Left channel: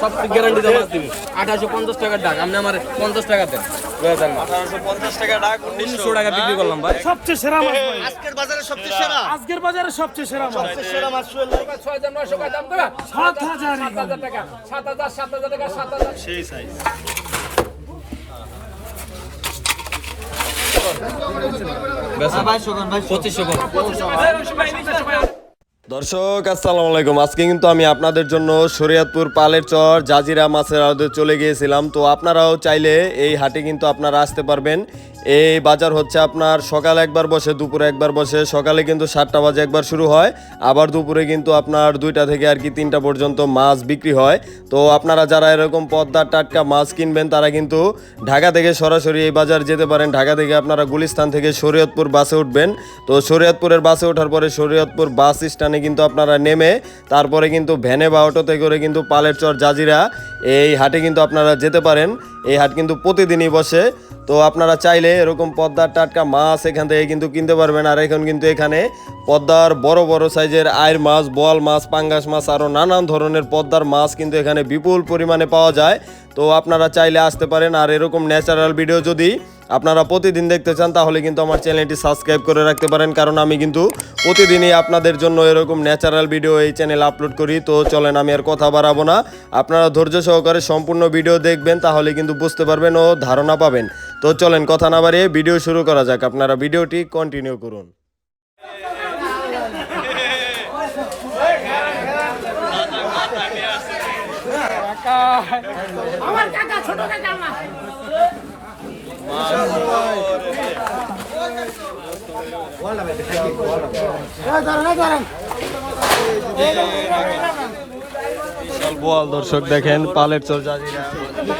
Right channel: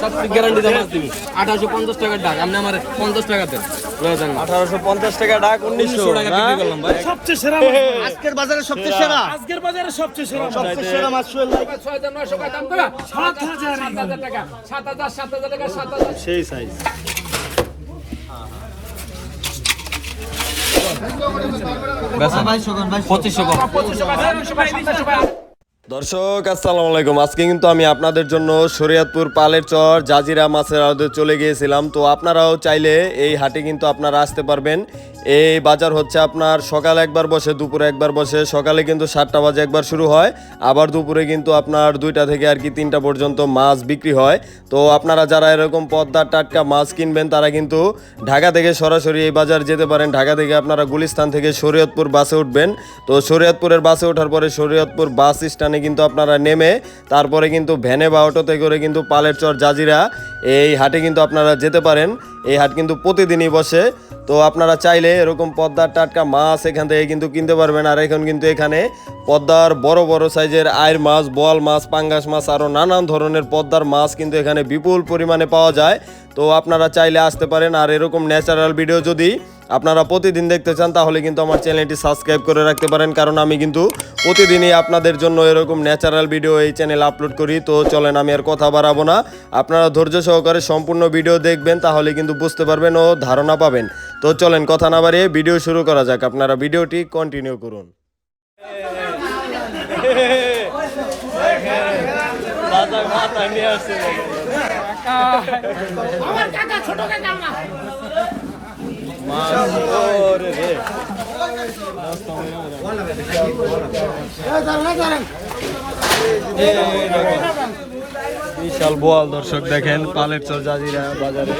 সবচেয়ে গ্যারান্টি মাছ দিবি। আঠারোশো পঞ্চাশ টাকার ডাক আপনি আমার পঞ্চাশ টাকা দেন। আঠারোশো পঞ্চাশ টাকা ডাক উনিশশো। টাকা বিক্রি করলাম ভাই। সবচেয়ে সেরা আজকের বাজারে সবচেয়ে সেরা। আজকের বাজারে সবচেয়ে সেরা মাছ। সেরা মাছ সোহেল ভাই। সাত হাজার সেই সাইজ পঁচিশশো দর্শক, আসসালামু আলাইকুম। আজকে কিন্তু আমি আপনাদের জন্য শরীয়তপুর পালের চর জাজিরা মাছের আড়তে চলে গিয়েছিলাম। তো আপনারাও চাইলে এই হাটে কিন্তু আপনারা আসতে পারবেন। এই বাজার হচ্ছে আপনার সকালে একবার বসে, দুপুরে একবার বসে। সকালে কিন্তু সাতটা বাজে একবার শুরু হয়। আবার দুপুরে কিন্তু আপনার দুইটা থেকে আর কি তিনটা পর্যন্ত মাছ বিক্রি হয়। তো আপনারা যারা এরকম পদ্মার টাটকা মাছ কিনবেন, তারা কিন্তু ঢাকা থেকে সরাসরি এই বাজার যেতে পারেন। ঢাকা থেকে আপনারা গুলিস্তান থেকে শরীয়তপুর বাসে উঠবেন। তো শরীয়তপুরের বাসে ওঠার পরে শরীয়তপুর বাস স্ট্যান্ডে কিন্তু আপনারা নেমে, তারপরে কিন্তু ভ্যানে বা অটোতে করে কিন্তু পালের চর জাজিরা এই হাটে কিন্তু আপনারা যেতে পারেন। এই হাট কিন্তু প্রতিদিনই বসে। তো আপনারা চাইলে এরকম পদ্মার টাটকা মাছ এখান থেকে কিন্তু কিনতে পারবেন। আর এখন কিন্তু এখানে পদ্মার বড় বড় সাইজের আয়ের মাছ, বল মাছ, পাঙ্গাস মাছ আরও নানান ধরনের পদ্মার মাছ কিন্তু এখানে বিপুল পরিমাণে পাওয়া যায়। তো আপনারা চাইলে আসতে পারেন। আর এরকম ন্যাচারাল ভিডিও যদি আপনারা প্রতিদিন দেখতে চান, তাহলে কিন্তু আমার চ্যানেলটি সাবস্ক্রাইব করে রাখতে পারেন, কারণ আমি কিন্তু প্রতিদিনই আপনাদের জন্য এরকম ন্যাচারাল ভিডিও এই চ্যানেল আপলোড করি। তো চলেন, আমি আর কথা বাড়াবো না। আপনারা ধৈর্য সহকারে সম্পূর্ণ ভিডিও দেখবেন, তাহলে কিন্তু বুঝতে পারবেন ও ধারণা পাবেন। তো চলেন, কথা না বাড়িয়ে ভিডিও শুরু করা যাক। আপনারা ভিডিওটি কন্টিনিউ করুন আমার কাকা ছোট কাকা আমার বিশাল বোয়াল দর্শক দেখেন, পালের চর জাজিরা বাজারে।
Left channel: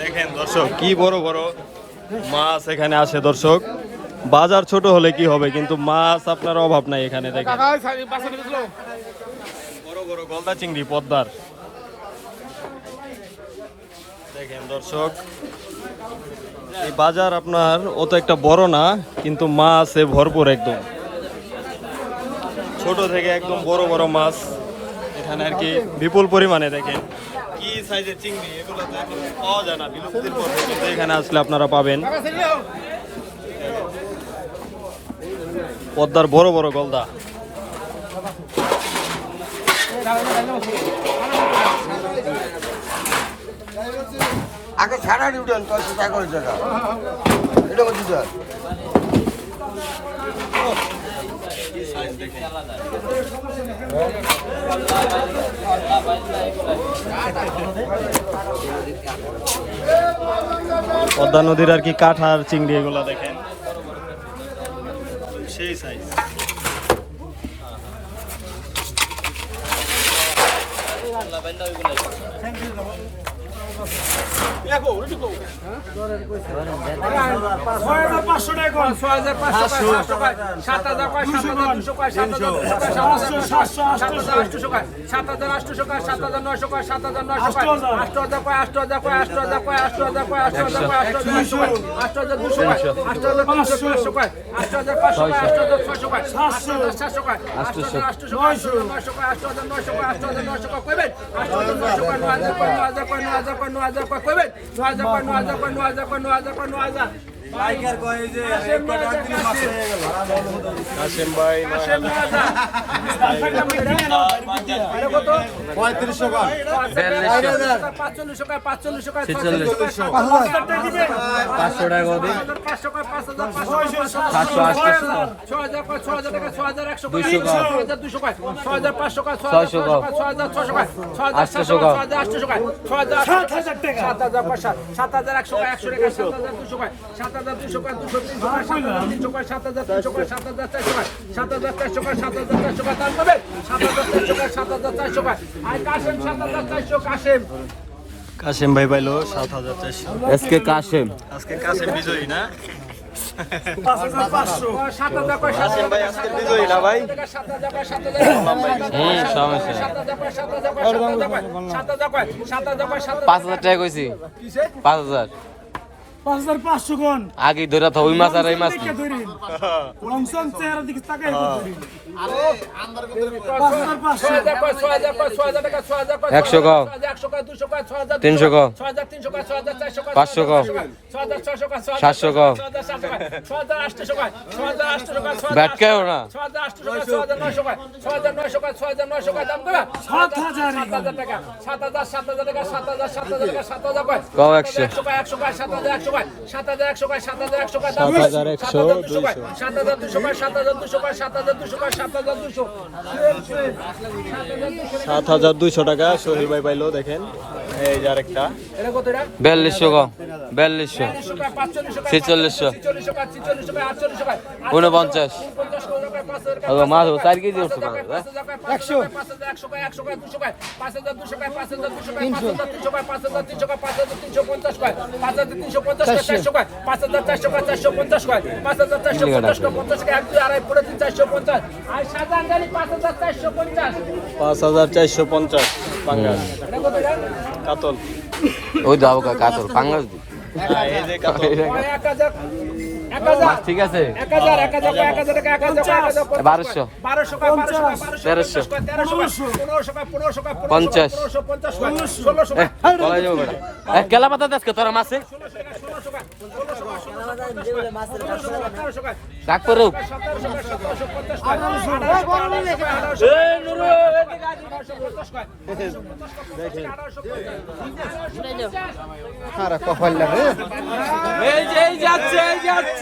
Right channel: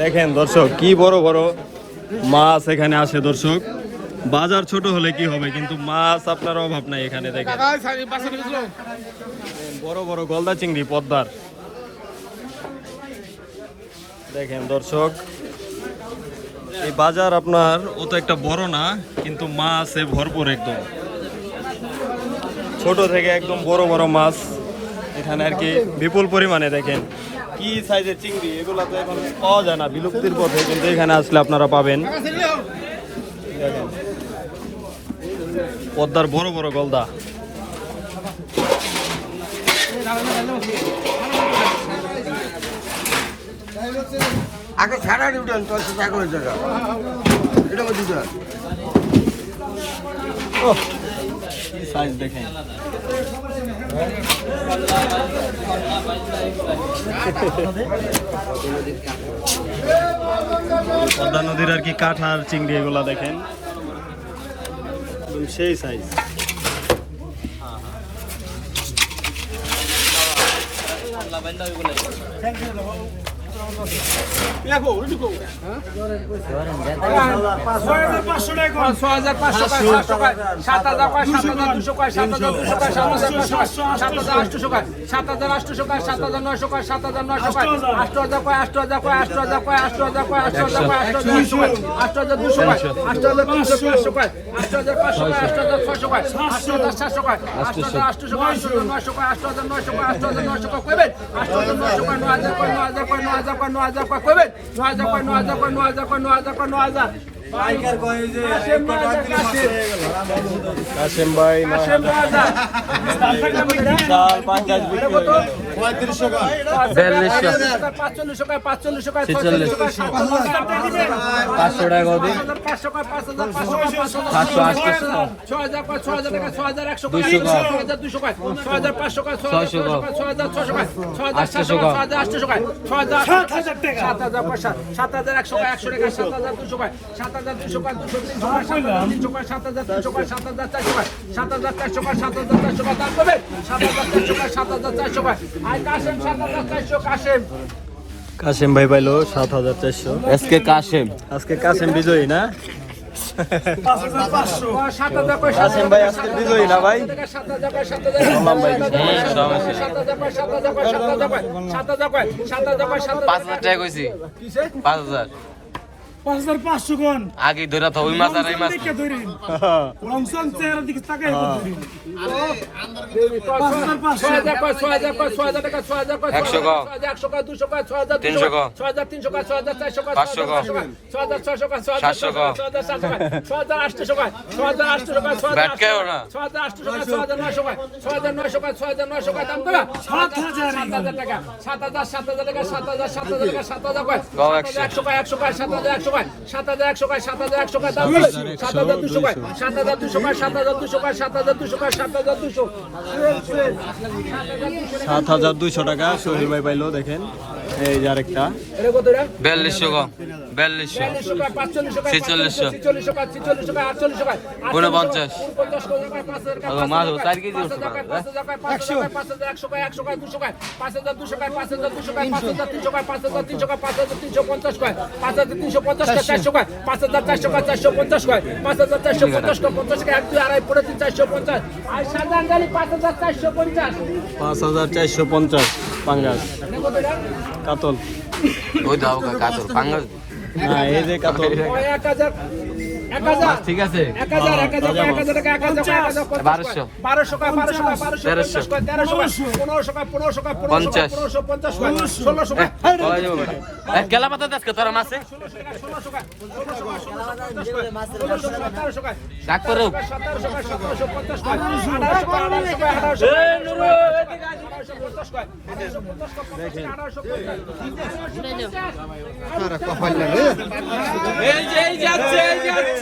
দেখেন দর্শক, কি বড় বড় মাছ এখানে আসে দর্শক। বাজার ছোট হলে কি হবে, কিন্তু মাছ আপনার অভাব নাই এখানে দেখেন। বড় বড় গলদা চিংড়ি, পদ্মার। দেখেন দর্শক এই বাজার আপনার অত একটা বড় না কিন্তু মাছে ভরপুর একদম। ছোট থেকে একদম বড় বড় মাছ এখানে আর কি বিপুল পরিমাণে দেখেন। কি সাইজের চিংড়ি? এগুলো তো এখন পাওয়া যায় না বিলুপ্তির পথে কিন্তু এখানে আসলে আপনারা পাবেন। পদ্মার বড় বড় গলদা। আগে ছাড়া উঠেন তোর আগে হয়েছে এটা। কত দিতে কি সাইজ দেখেন পদ্মা নদীর আর কি কাঠ আর চিংড়ি এগুলা দেখেন। সেই সাইজ পাঁচশো টাকা পাঁচশো সাত হাজার আটশো কয় সাত হাজার আটশো কয় সাত হাজার নশো কয় আট হাজার কয় আট হাজার কয় আট হাজার কয় আট হাজার কয় আট হাজার কয় আট হাজার দুশো কয় আট হাজার তিনশো পাঁচশো কয় আট হাজার পাঁচশো কয় আট হাজার ছশো কয় আট হাজার সাতশো কয় আট হাজার আটশো কয় নশো কয় আট হাজার নশো কয় আট হাজার নশো কয় কইবেন আট হাজার নশো কয় ন হাজার কয় ন হাজার কয় ন হাজার কয় ন হাজার কয় কইবেন ন হাজার কয় ন হাজার কয় কাসেম ভাই নয় হাজার। পাঁচচল্লিশশো কয় পাঁচচল্লিশশো কয় ছেচল্লিশ। পাঁচশো টাকা হাজার সাতশো আটশো দুশো ছয়শো আটশোশো সাত হাজার টাকা সাত হাজার পয়সা সাত হাজার একশো একশো টাকা সাত হাজার দুশো সাত হাজার দুশো দুশো সাত হাজার তিনশো সাত হাজার চারশো সাত হাজার চারশো সাত হাজার চারশো সাত হাজার তিনশো সাত হাজার চারশো সাত হাজার চারশো কাশেম কাসেম ভাই পাইলো সাত হাজার চারশো আজকে কাশেম আজকে কাসেম বিজয়ী না পাঁচ হাজার টাকা কইছি পাঁচ হাজার পাঁচ হাজার পাঁচশো কোন আগে ধরে তো ওই মাছ আর এই মাছ দেখে ধরেন লংসন চেহারা দিকে তাকাই ধরেন হাজার কয়, ছয় হাজার টাকা, ছয় হাজার কয়, একশো ছয় কয়। হাজার একশো কয়, দুশো কয়, ছয় হাজার দুশো তিনশো কয়, কয়। ছয় হাজার তিনশো কয়, ছয় হাজার চারশো কয়, পাঁচশো ছয় কয়। হাজার ছয়শো কয়, ছয় হাজার সাতশো সাতশো কয়। কয়, ছয় হাজার সাতশো কয়, ছয় হাজার আটশো কয়, ছয় হাজার আটশো কয়, ছয় হাজার ব্যাট কেও না। ছয় হাজার আটশো কয়, ছয় হাজার নয়শো কয়, ছয় হাজার নয়শো কয়, ছয় হাজার নয়শো কয়, দাম কয়? সাত হাজার। সাত হাজার টাকা, সাত হাজার, সাত হাজার টাকা, সাত হাজার, সাত টাকা, সাত হাজার কয়, সাত হাজার একশো কয়, সাত হাজার একশো কয়, সাত হাজার সাত হাজার একশো হাজার দুশো কয়, সাত হাজার দুশো কয়, সাত হাজার দুশো কয়, সাত হাজার দুশো কয়, সাত হাজার দুশো। সাত হাজার দুইশো টাকা সোহেল ভাই পাইলো দেখেন এই যে আরেকটা? বিয়াল্লিশশো বিয়াল্লিশশো ছিচল্লিশশো। ঊনপঞ্চাশ। ওগো, মাছ চার কেজি আছে পাঁচ হাজার পঞ্চাশ দাও কাতল পাঙ্গাস হ্যাঁ এই যে কাতল এক হাজার হাজার ঠিক আছে হাজার এক হাজার এক হাজার টাকা হাজার হাজার তেরোশো। পঞ্চাশ পাঙ্গাল কাতল। ওই দাও কাতল পাঙ্গাল কয় পনেরোশো পঞ্চাশ। কয় এক পঞ্চাশ কয় আঠারোশো আঠারোশো পঞ্চাশ কয় এই যে এই যাচ্ছে এই যাচ্ছে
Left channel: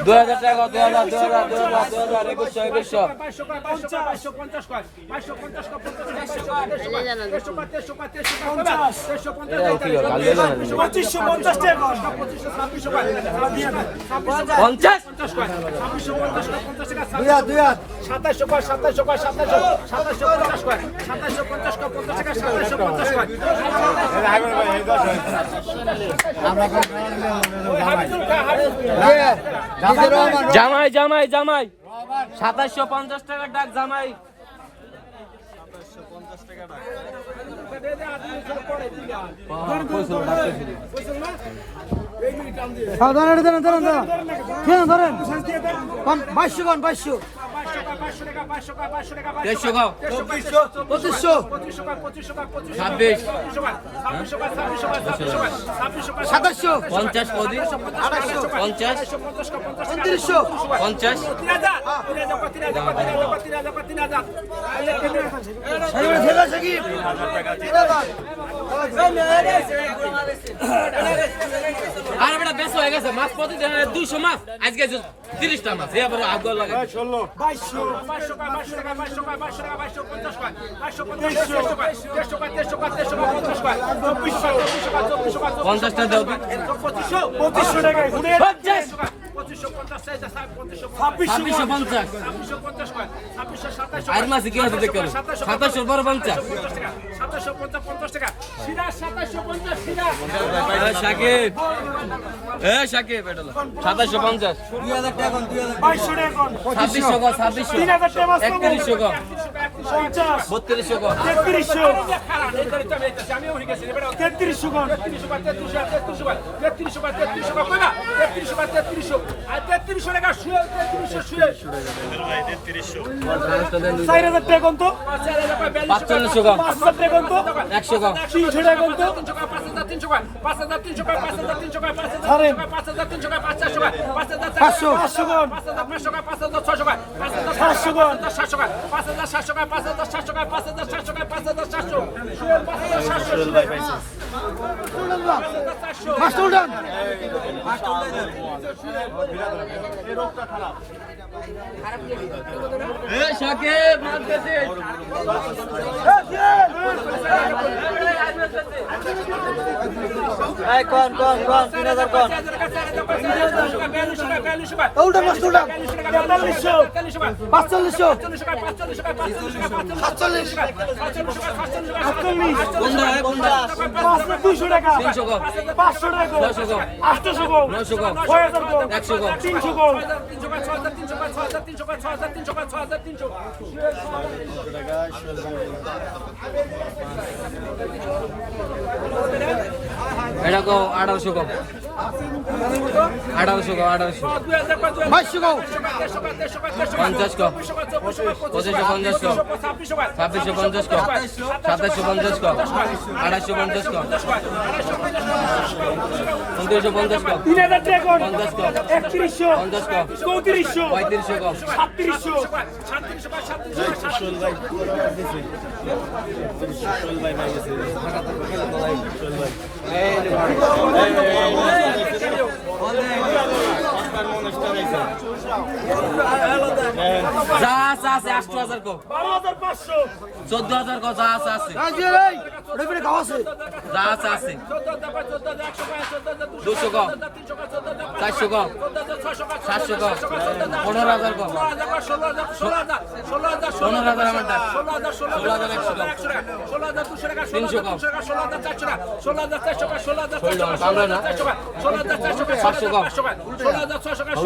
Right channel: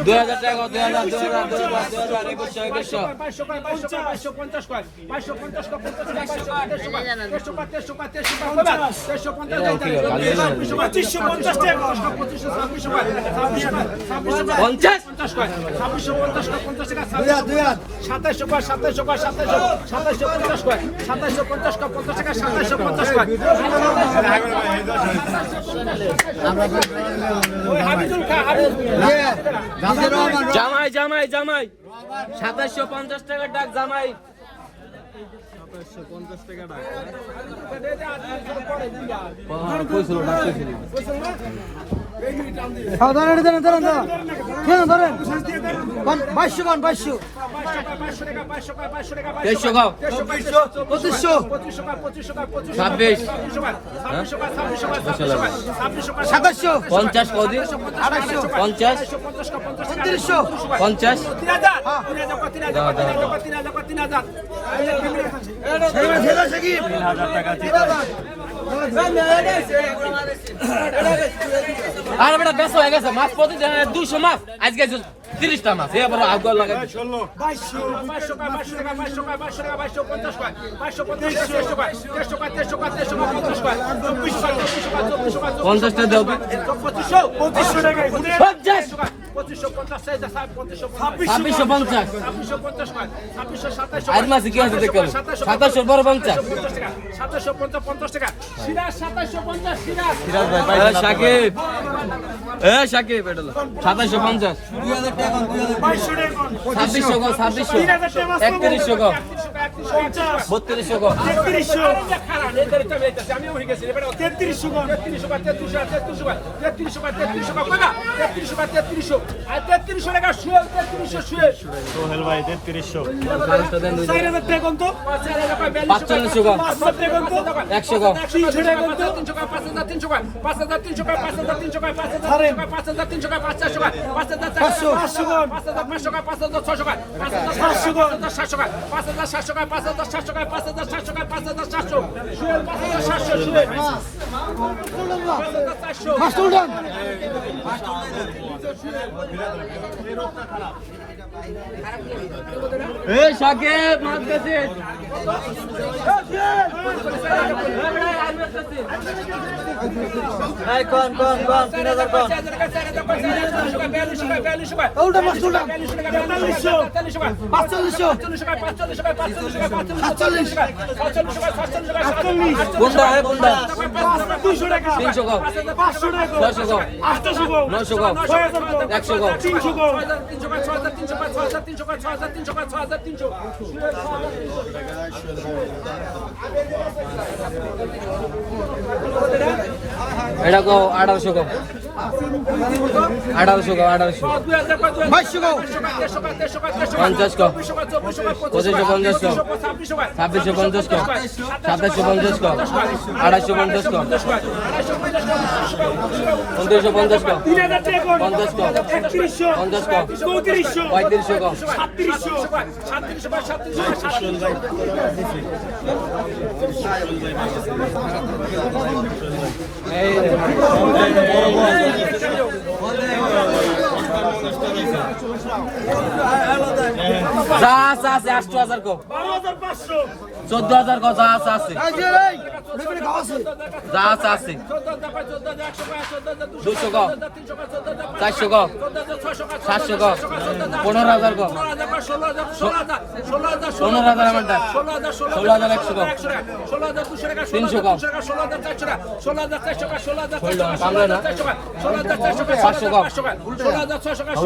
দুই হাজার টাকা দুই হাজার দুই হাজার দুই হাজার দুই হাজার একুশশো একুশশো বাইশশো বাইশশো পঞ্চাশ বাইশশো পঞ্চাশ পঞ্চাশ পঞ্চাশ সাতাশশো কয় জামাই জামাই জামাই। সাতাশশো পঞ্চাশ টাকার ডাক জামাই। বাইশশো কোন বাইশশো বাইশশো টাকা বাইশশো কয় বাইশশো টাকা দেড়শো গাও পঁচিশশো পঁচিশশো সাতাশশো পঞ্চাশ কদি আড়াইশো পঞ্চাশ তিন হাজার টাকা আরে বেটা বেশ হয়ে গেছে। মাছ প্রতিদিন দুশো মাছ। আজকে তিরিশটা মাছ এবার আগুয়া লাগাই বাইশশো বাইশশো কয় বাইশশো টাকা বাইশশো কয় বাইশশো টাকা বাইশশো পঞ্চাশ কয় বাইশশো পঞ্চাশ দেড়শো কয় দেড়শো কয় দেড়শো কয় দেড়শো কয় পঞ্চাশ কয় চব্বিশশো কয় চব্বিশশো কয় চব্বিশশো কয় পঞ্চাশটা দাও পঁচিশশো পঁচিশশো টাকা পঁচিশশো পঞ্চাশ পঁচিশশো ছাব্বিশশো পঞ্চাশ। ছাব্বিশশো পঞ্চাশ ছাব্বিশশো সাতাশশো আর মাসে কি হয়েছে দেখতে হবে? সাতাশশো বড় পঞ্চাশ। সাতাশশো পঞ্চাশ পঞ্চাশ টাকা। সিরাজ সাতাশশো পঞ্চাশ সিরাজ সাকিব। এ সাকিব এটা লো। সাতাশশো পঞ্চাশ। বাইশশো টাকা কোন? ছাব্বিশশো গো ছাব্বিশশো। একত্রিশশো গো বত্রিশশো গো তেত্রিশশো আমিও হয়ে গেছি তেত্রিশশো তেত্রিশশো তেত্রিশশো তেত্রিশশো তেত্রিশশো তেত্রিশশো তেত্রিশশো তেত্রিশশো আর তেত্রিশশো টাকা শুয়ে তেত্রিশশো শুয়ে সোহেল ভাই তেত্রিশশো চার হাজার টাকা কম তো পাঁচচল্লিশশো গো একশো গো তিনশো টাকা কম তো তিনশো টাকা পাঁচ হাজার তিনশো টাকা পাঁচ হাজার তিনশো টাকা পাঁচ হাজার তিনশো টাকা পাঁচ হাজার পাঁচ হাজার তিনশো টাকা পাঁচ চারশো হাজার পাঁচশো পাঁচশো পাঁচ হাজার পাঁচশো টাকা পাঁচ হাজার ছশো টাকা পাঁচ হাজার সাতশো টাকা পাঁচ হাজার সাতশো টাকা পাঁচ হাজার সাতশো টাকা পাঁচ হাজার সাতশো টাকা পাঁচ হাজার সাতশো শুয়ে পাঁচ হাজার শুয়ে এই কোন কোন কোন। তিন হাজার কোন তিনশো কম ছয়শো কম নয়শো কম একশো কম এটা কো আঠারোশো কম আঠারোশো। কম আঠারোশো পঞ্চাশ কম পঁচিশশো পঞ্চাশ কম ছাব্বিশশো পঞ্চাশ কম সাতাশশো পঞ্চাশ কম আড়াইশো পঞ্চাশ উনত্রিশশো পঞ্চাশ পঞ্চাশ চৌত্রিশশো পঁয়ত্রিশশো কম সাতত্রিশশো যা আছে আছে আষ্ট হাজার হাজার পাঁচশো চোদ্দ হাজার কম যা আছে আছে। যা আছে আছে। দুশো কম চারশো কম সাতশো কম পনেরো হাজার কম পনেরো হাজার ঘণ্টা ষোলো হাজার একশো কম তিনশো কম কামড়ে না পাঁচশো কম আষ্ট হাজার কম পাঁচশো কম দশ হাজার দুশো কম দশ হাজার দুশো কম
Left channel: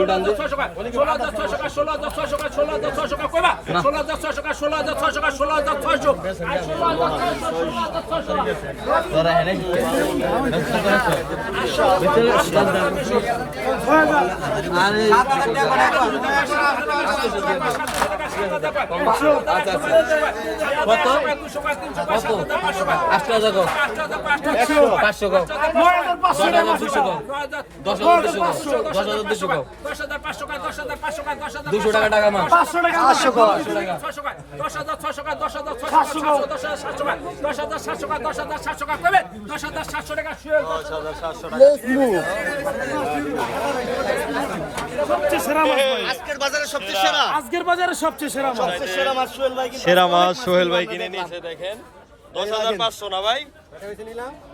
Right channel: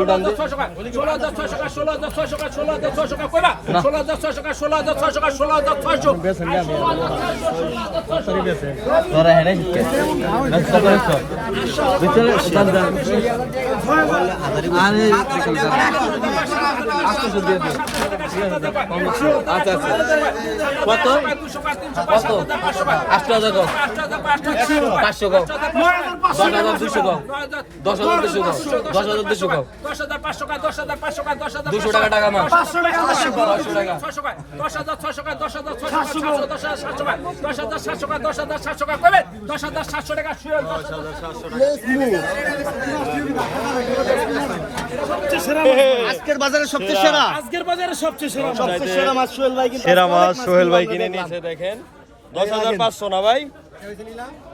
দশ হাজার দুশো কম দশ হাজার পাঁচশো টাকা দশ হাজার টাকা দশ হাজার দুশো টাকা টাকা মাস পাঁচশো টাকা পাঁচশো ছশো টাকা দশ হাজার টাকা দশ হাজার ছশো টাকা সাতশো দশ হাজার সাতশো টাকা দশ হাজার সাতশো টাকা দশ হাজার সাতশো দশ হাজার সাতশো টাকা শুয়ে সবচেয়ে সেরা মাছ। আজকের বাজারে সবচেয়ে সেরা মাছ সেরা মাছ সোহেল ভাই কিনে নিয়েছে দেখেন দশ হাজার পাঁচশো না ভাই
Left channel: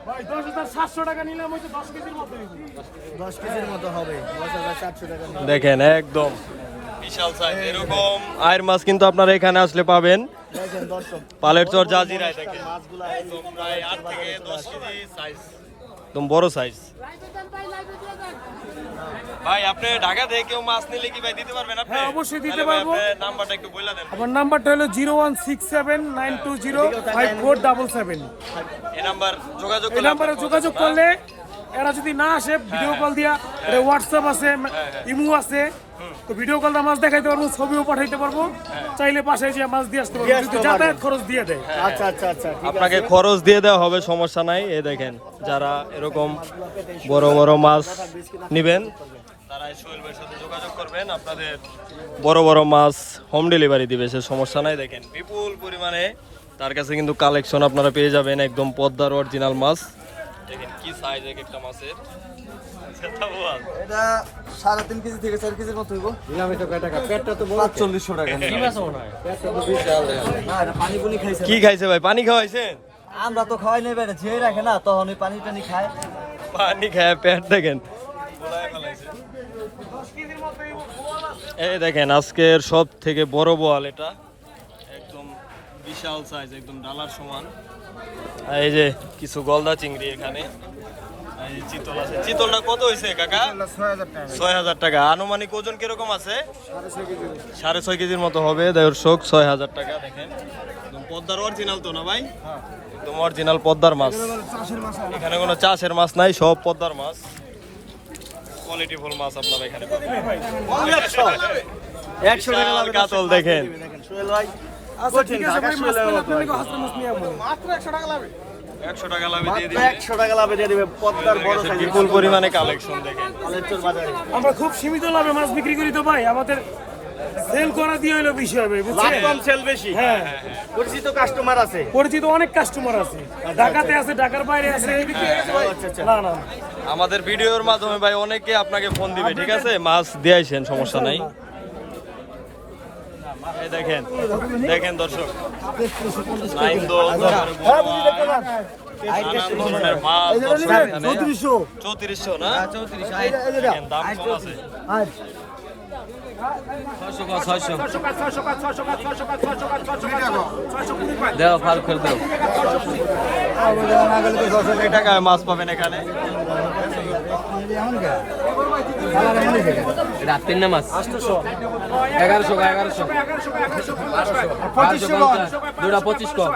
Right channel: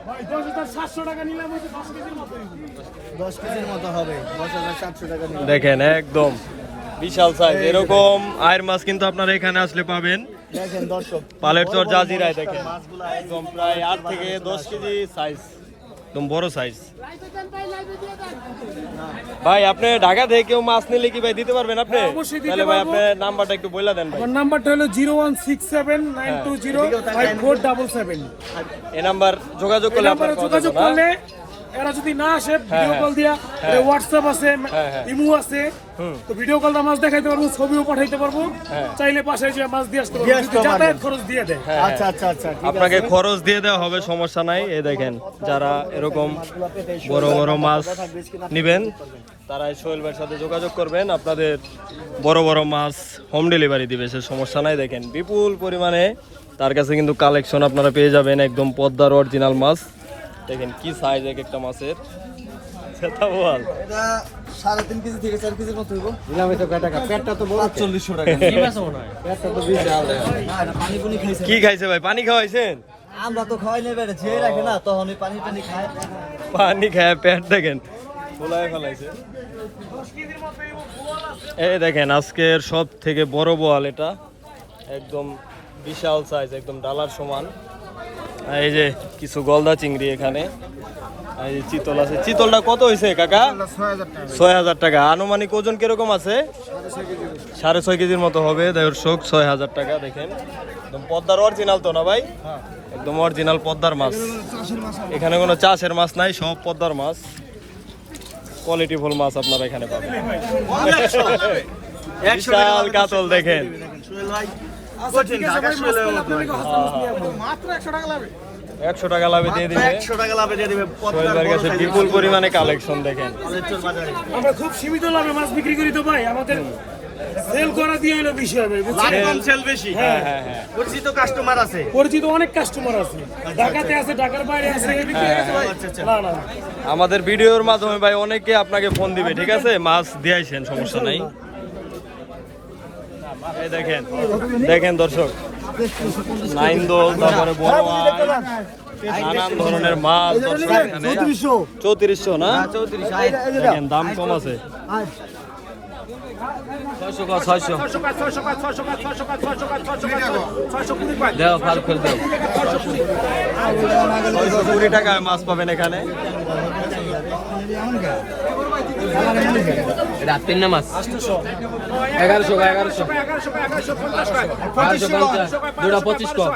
ভাই দশ হাজার সাতশো টাকা নিলাম হয়তো দশ কেজির মতো দেখেন একদম বিশাল সাইজ এরকম আয়ের মাছ কিন্তু আপনারা এখানে আসলে পাবেন। পালের চর জাজিরায় দেখেন। একদম প্রায় আট থেকে দশ কেজি সাইজ একদম বড় সাইজ ভাই আপনি ঢাকা থেকে কেউ মাছ নিলে কি ভাই দিতে পারবেন আপনি? হ্যাঁ, অবশ্যই দিতে তাহলে ভাই। আপনার নাম্বারটা একটু বলে দেন ভাই। আমার নাম্বারটা হলো zero one six seven nine two zero five four double seven. এই নাম্বার যোগাযোগ করলে নাম্বারে যোগাযোগ করলে এরা যদি না আসে ভিডিও হ্যাঁ। কল দিয়া হোয়াটসঅ্যাপ আছে ইমো আছে। তো ভিডিও কল মাছ দেখাইতে পারব ছবিও পাঠাইতে পারব। হ্যাঁ। চাইলে পাশে যে মাছ দিয়ে আসতে পারব। যদি যাতায়াত খরচ দিয়ে দেয়। আচ্ছা আচ্ছা আচ্ছা। আপনাকে খরচ দিয়ে দেওয়া হবে সমস্যা নাই। এ দেখেন যারা এরকম বড় বড় মাছ নেবেন তারা সোহেল ভাইয়ের সাথে যোগাযোগ করবেন। আপনাদের বড় বড় মাছ হোম ডেলিভারি দিবে সে সমস্যা নাই। দেখেন বিপুল পরিমাণে তার কাছে কিন্তু কালেকশন আপনারা পেয়ে যাবেন একদম পদ্মার অরিজিনাল মাছ। দেখেন কি সাইজ এক একটা মাছের। এটা সাড়ে তিন কেজি থেকে চার কেজির মতো হইব। পানি পুনি খাইছে। কি খাইছে ভাই? পানি খাওয়াইছেন? আমরা তো খাওয়াই নেই বেড়ে ঝিয়ে রাখে না তখন ওই পানি টানি খায়। পানি খায় পেট দেখেন। ফুলায় ফেলাইছে। এই দেখেন আজকের সব থেকে বড় বোয়াল এটা। একদম বিশাল সাইজ একদম ডালার সমান। আর এই যে কিছু গলদা চিংড়ি এখানে। এই যে চিতল আছে। চিতলটা কত হয়েছে কাকা? ছয় হাজার টাকা। আনুমানিক ওজন কীরকম আছে? সাড়ে ছয় কেজির মতো হবে দর্শক ছয় হাজার টাকা দেখেন। একদম পদ্মার অরিজিনাল তো না ভাই? একদম অরিজিনাল পদ্মার মাছ। এখানে কোনো চাষের মাছ নাই সব পদ্মার মাছ। কোয়ালিটিফুল মাছ আপনারা এখানে পাবেন। বিশাল কাতল দেখেন। আচ্ছা ঠিক আছে ভাই মাছ পেলে তুমি হাসতে মাছ নিয়ে আসব। মাত্র একশো টাকা লাগবে একশো টাকা লাভে দিয়ে দিবে। একশো টাকা লাভে দিয়ে দিবে কাছে বিপুল পরিমাণে কালেকশন দেখেন। আমরা খুব সীমিত লাভে মাছ বিক্রি করি তো ভাই আমাদের সেল করা দিয়ে হলো বিষয় হবে বুঝছেন? সেল বেশি। হ্যাঁ পরিচিত কাস্টমার আছে। পরিচিত অনেক কাস্টমার আছে। ঢাকাতে আছে ঢাকার বাইরে আছে না না। আমাদের ভিডিওর মাধ্যমে ভাই অনেকে আপনাকে ফোন দিবে ঠিক আছে? মাছ দিয়েছেন সমস্যা নাই। দেখেন দেখেন দর্শক লাইন নানান ধরনের মাছ চৌত্রিশশো। না? হ্যাঁ, দেখেন দাম কম আছে। কুড়ি টাকায় মাছ পাবেন এখানে। রাতের নামাজ এগারোশো এগারোশো বারোশো পঞ্চাশ দুটা পঁচিশ কম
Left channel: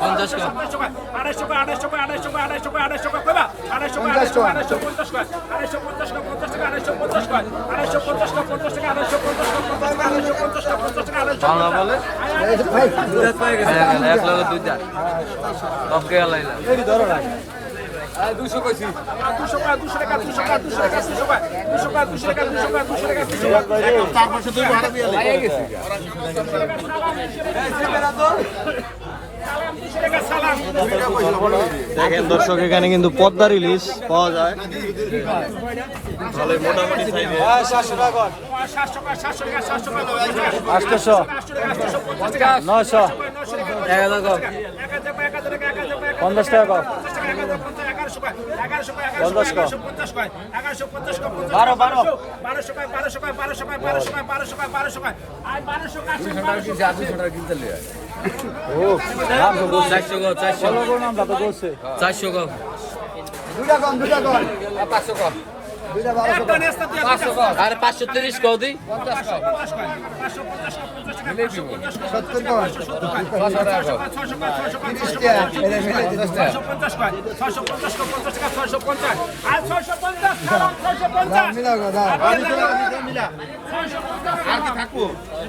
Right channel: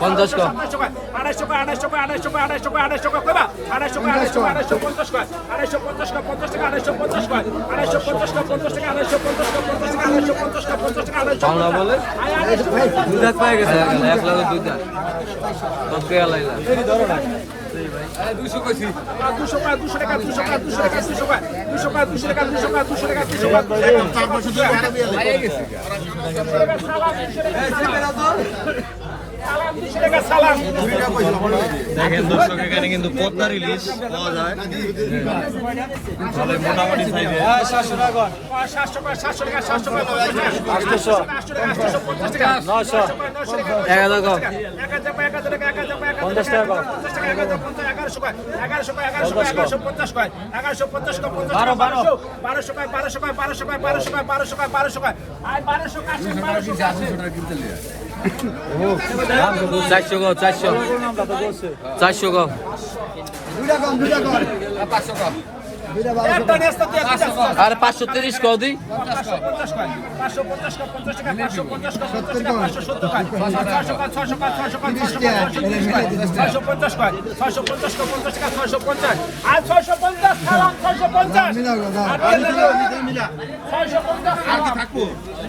পঞ্চাশ কম বাংলা বলে এক লাগে দুইটা সবকে আলাইলাম দুশো টাকা দুশো টাকা দুশো টাকা দুশো টাকা দুশো টাকা দুশো টাকা দুশো টাকা দুশো টাকা দুশো টাকা দুশো টাকা। দুশো টাকা দুশো টাকা দেখেন দর্শক এখানে কিন্তু পদ্মা রিলিজ পাওয়া যায় তাহলে মোটামুটি বারোশো বারোশো বারোশো পায় বারোশো বারোশো বারোশো পায় বারোশো চারশো গো চারশো চারশো গো আর পাঁচশো তিরিশ কো দি আর কি থাকব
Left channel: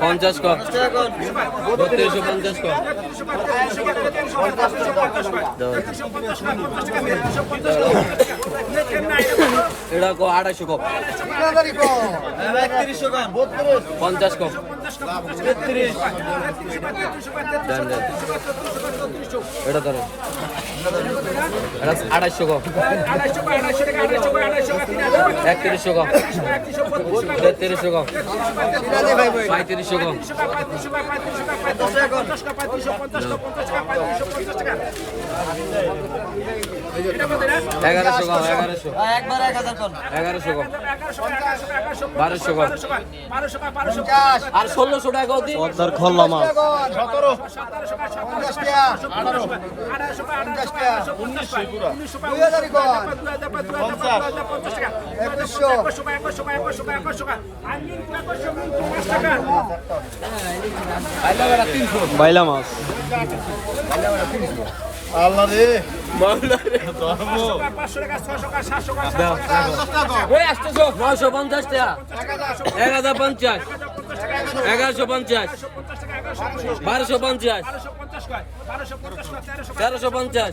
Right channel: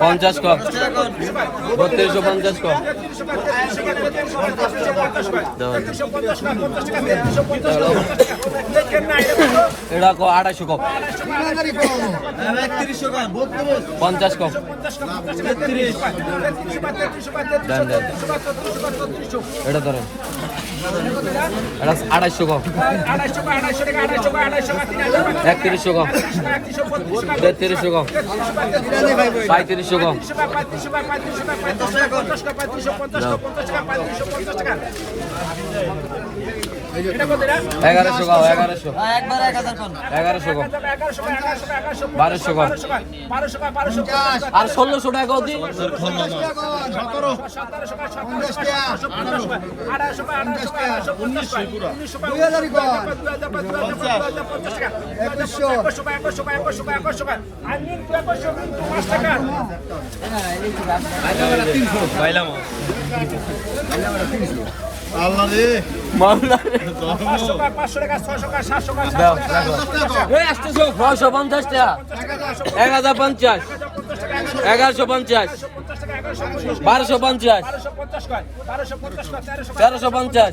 পঞ্চাশ কপ বত্রিশশো পঞ্চাশ কপ আড়াইশো কপ পঞ্চাশ কপ এটা ধরেন আড়াইশো কম একত্রিশশো কম তেত্রিশশো কম পঁয়ত্রিশশো কম এগারোশো কম এগারোশো এগারোশো কম বারোশো কম আর ষোলোশো টাকা পঞ্চাশ উনিশশো টাকা উনিশশো টাকা দুই হাজার পাঁচ দুই হাজার পাঁচ দুই হাজার পঞ্চাশ টাকা দুই হাজার পঞ্চাশ একশো টাকা একশো টাকা একশো টাকা একশো টাকা। পঞ্চাশ এগারোশো পঞ্চাশ। বারোশো পঞ্চাশ। তেরোশো পঞ্চাশ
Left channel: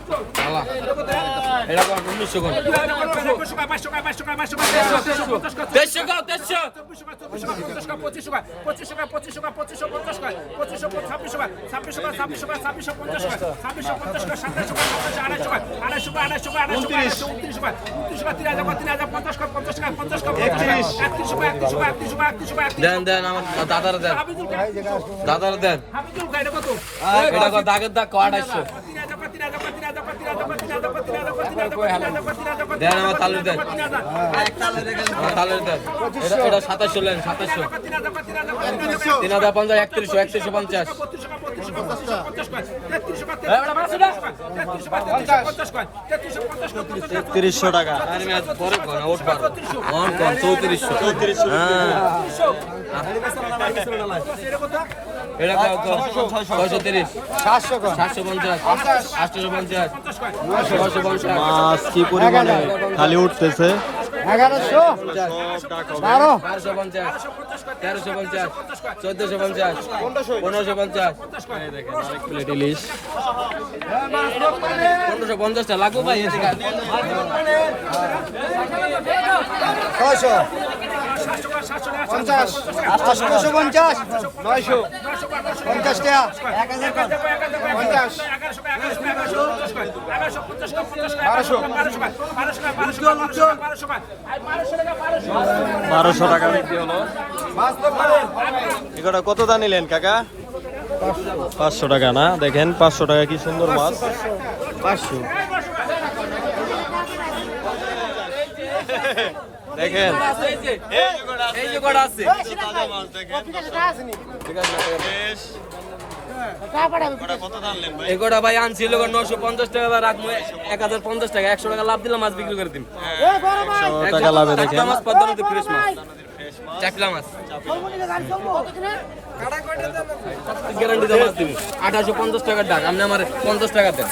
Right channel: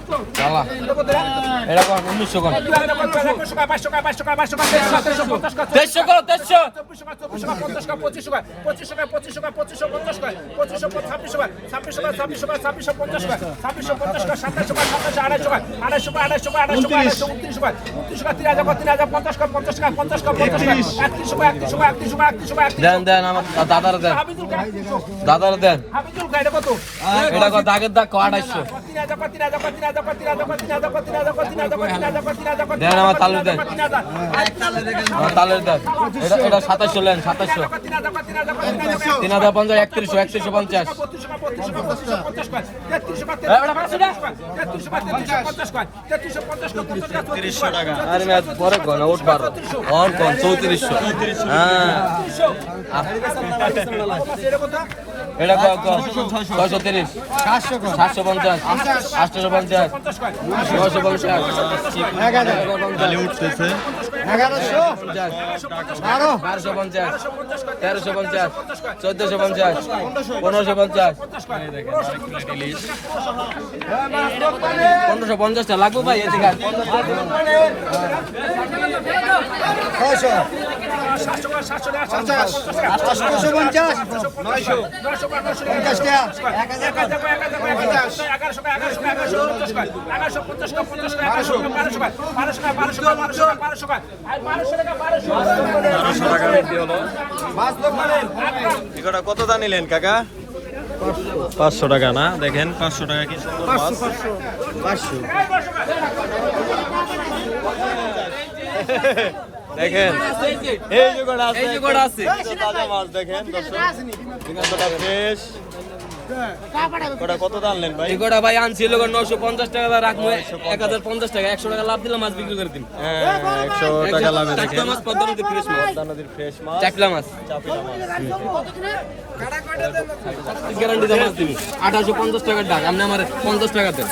দাদার দেন। দাগের দাগ আড়াইশো? তিন হাজার তিন হাজার তিন হাজার দেন আমার তালের তিন হাজার পঞ্চাশ একত্রিশশো একত্রিশশো পঞ্চাশ তেত্রিশশো টাকা আরে চৌত্রিশশো হ্যাঁ এটা ছয়শো তিরিশ। সাতশো পঞ্চাশ। আটশো পঞ্চাশ। ছয়শো পঞ্চাশ খালি উঠতেছে? এগারোশো বারো তেরোশো পঞ্চাশ চোদ্দশো পঞ্চাশ পনেরোশো পঞ্চাশ পনেরোশো পঞ্চাশটা লাগবে ভাই এগারোশো পঞ্চাশ বারোশো টাকা বিক্রি হলো এটা কত দা নিলেন কাকা পাঁচশো টাকা না দেখেন পাঁচশো টাকা কি সুন্দর মাছ দেখেন এই আছে আছে তাজা মাছ দেখেন ঠিক আছে ভাই? নশো পঞ্চাশ টাকা বা রাখব এক হাজার পঞ্চাশ টাকা একশো টাকা লাভ দিলে মাছ বিক্রি করে দিন হ্যাঁ একশো টাকা লাভে দেখেন। মাছ পদ্মা নদীর ফ্রেশ মাছ। ফ্রেশ মাছ। চাপলা মাছ। গ্যারান্টি তো মাছ দিবি। আঠারোশো পঞ্চাশ টাকার ডাক আপনি আমার পঞ্চাশ টাকা দেন।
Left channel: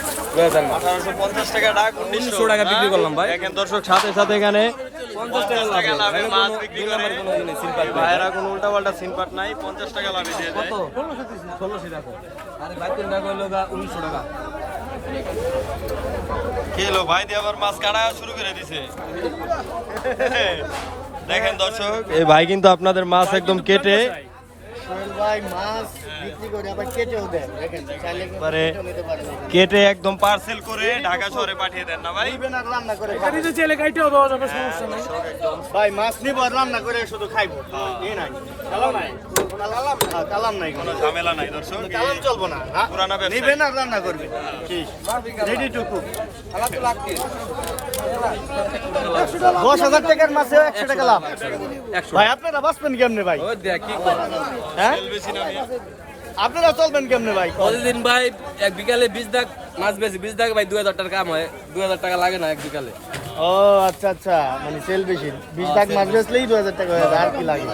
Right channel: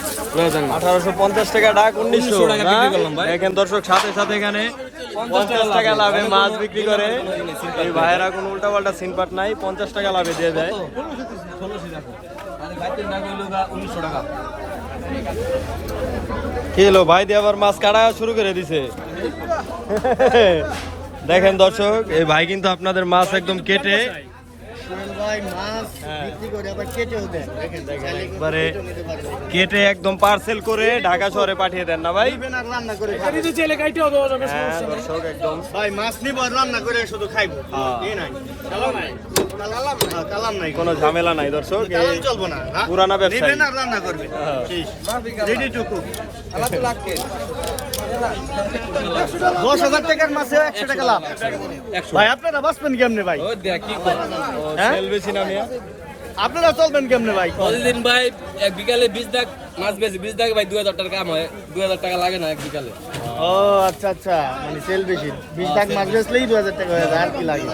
আঠারোশো পঞ্চাশ টাকা ডাক উনিশশো। টাকা বিক্রি করলাম ভাই। দর্শক সাথে সাথে এখানে পঞ্চাশ টাকা লাভে। মাছ বিক্রি করে। ভাইয়েরা কোনো উল্টা পাল্টা সিনপাট নাই। পঞ্চাশ টাকা লাভে দিয়ে দেয়। আরে ভাই তিন টাকা হইল উনিশশো টাকা। কি হলো ভাই দিয়ে আবার মাছ কাটা শুরু করে দিছে? দেখেন দর্শক এই ভাই কিন্তু আপনাদের মাছ একদম কেটে কেটে একদম পার্সেল করে ঢাকা শহরে পাঠিয়ে দেন না ভাই? হ্যাঁ, মাছ নিব শুধু হ্যাঁ। কোনো ঝামেলা নাই হ্যাঁ। রেডি টুকু। দশ হাজার টাকার মাছে একশো টাকা লাভ। ভাই আপনারা বাঁচবেন কেমনে ভাই? দেখ কি কর? বেশি না আপনারা চলবেন কেমনে ভাই? প্রতিদিন ভাই এক বিকালে বিশ দাগ মাছ বেশি বিশ দাগে ভাই দুই হাজার টাকা কাম হয়। দুই হাজার টাকা লাগে না এক বিকালে। ও আচ্ছা আচ্ছা। মানে সেল বেশি। বিশ লাখ মাছ বেচলেই দু হাজার টাকা হয়ে আর কি লাগে?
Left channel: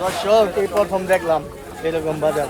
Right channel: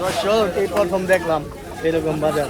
দর্শক এই প্রথম দেখলাম এরকম বাজার।